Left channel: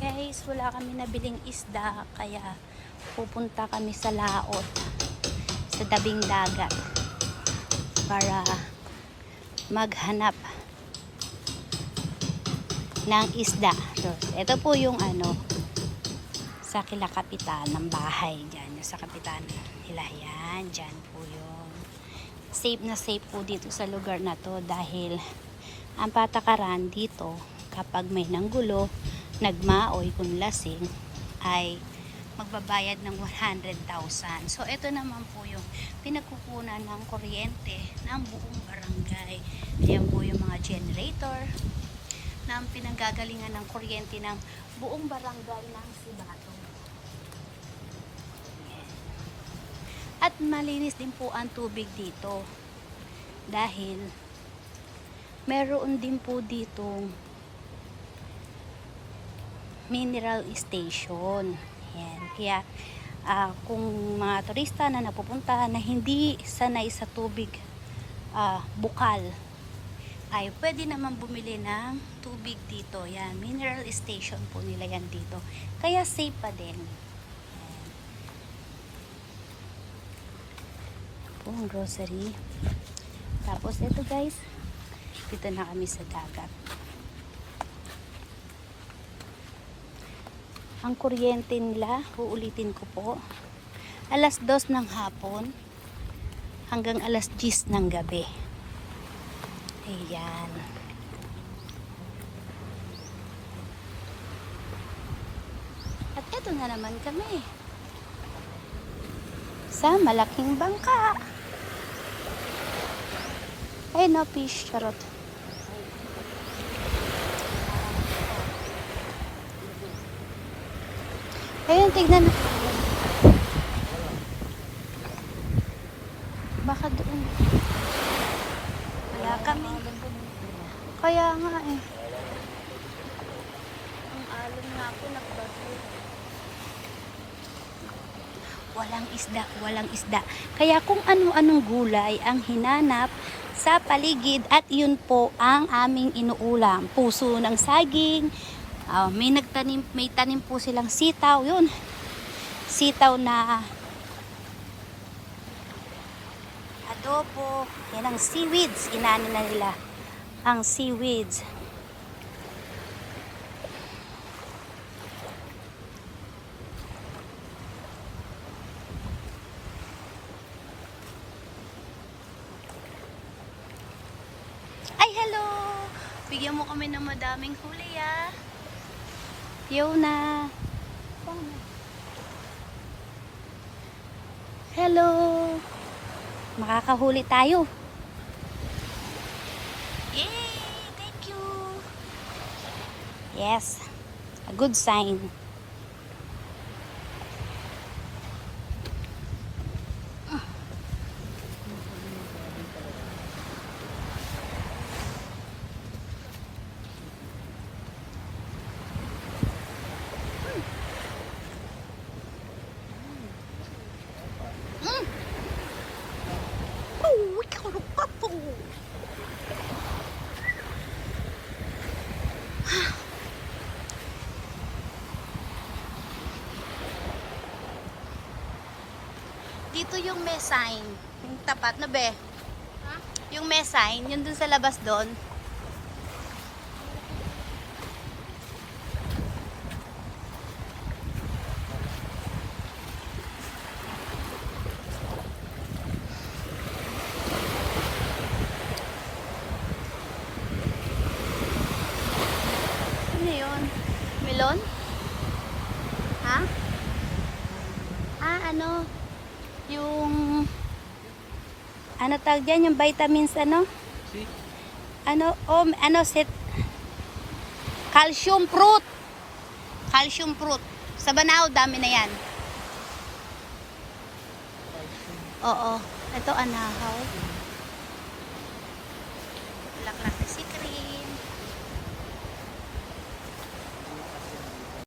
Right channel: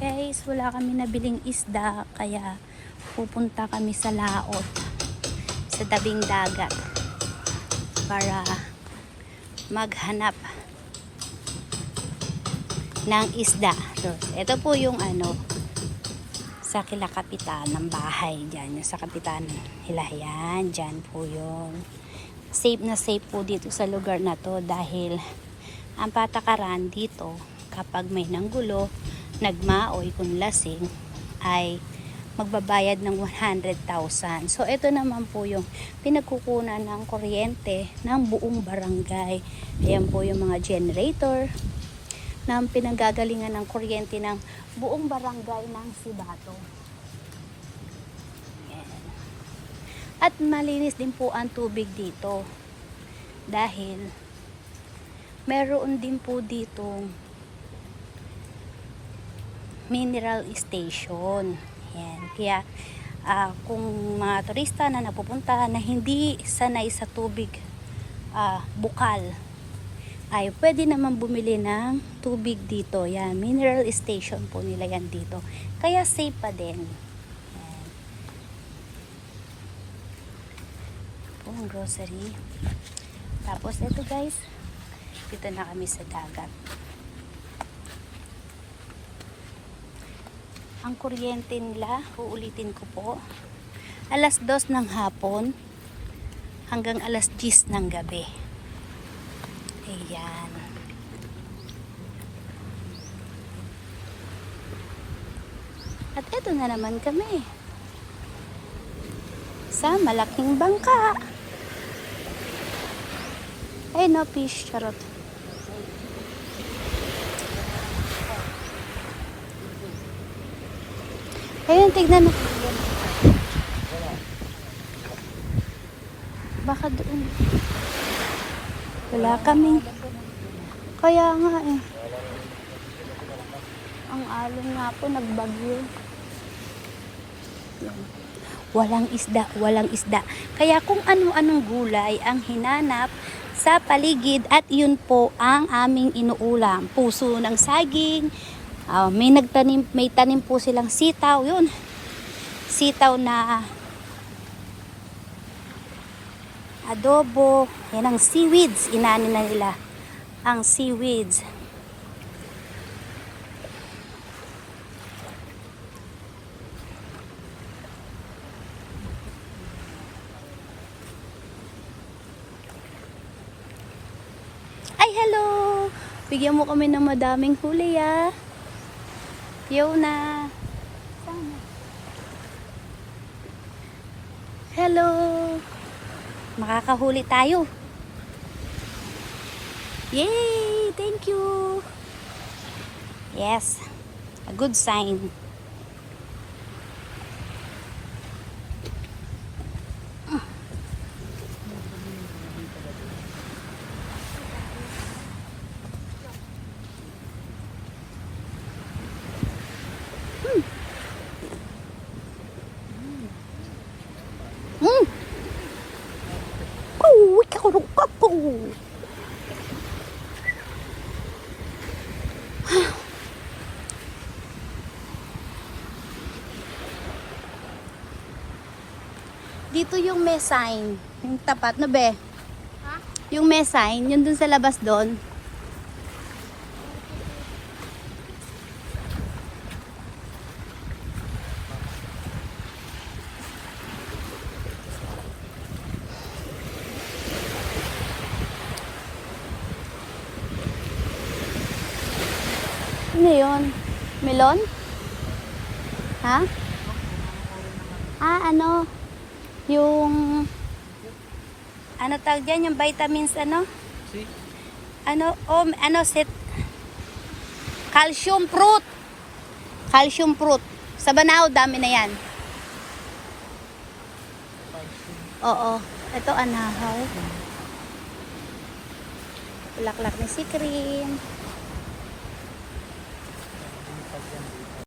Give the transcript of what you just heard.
Guys, wala kami nabiling isda kaya pupunta kami sa laot sa dabing dagat para maghanap ng isda. So, ito po yung ano sa kila kapitan ng bahay. Yung sa kapitan hilayan. Dyan po yun. Safe na safe po dito sa lugar na to dahil ang patakaran dito kapag may nanggulo, nagmaoy kung lasing ay magbabayad ng 100,000. So ito naman po yung pinagkukunan ng kuryente ng buong barangay. Ayan po yung mga generator na pinanggagalingan ng kuryente ng buong barangay ng Sibato. At malinis din po ang tubig dito dahil meron din po dito mineral station. Ayan. Kaya ah, kung mga turista na napupunta na hindi sanay sa tubig ah, bukal ay pwede naman bumili ng tubig dito. Yan, mineral station po nila yan dito. Kaya safe pa din. Ang grocery. Tapos ito guys, dito na kami sa dagat. Ang kuryente nila, uulitin ko po, alas 2 ng hapon hanggang alas 10 ng gabi. Ayan. At eto na naman kami. Sa malaking bangka. Ay no fish, charot. Ayun, tignan na. Baka doon. Wala kaming. Kaya nga eh. Ang alon nga po nagbagyo. Walang isda, walang isda. Kaya kung ano-anong gulay ang hinanap sa paligid at yun po ang aming inuulam. Puso ng saging, ah, may nagtanim, may tanim po silang sitaw, yun. Sitaw na adobo, yan ang seaweeds, inani na nila ang seaweeds. Ay, hello! Bigyan mo kami ng madaming huli, ah. Fiona. Hello! Makakahuli tayo. Yay! Thank you! Yes. A good sign. Hmm. Oh, po. Dito yung may sign. Yung tapat na be. Yung may sign, yun dun sa labas doon. Ano yun? Melon? Ha? Ah, ano? Yung... Ano tawag dyan? Yung vitamins, ano? Ano? Oh, ano? Set... Calcium fruit! Calcium fruit. Sa Banao, dami na yan. Oo. Ito, anahaw. Bulaklak ni si cream.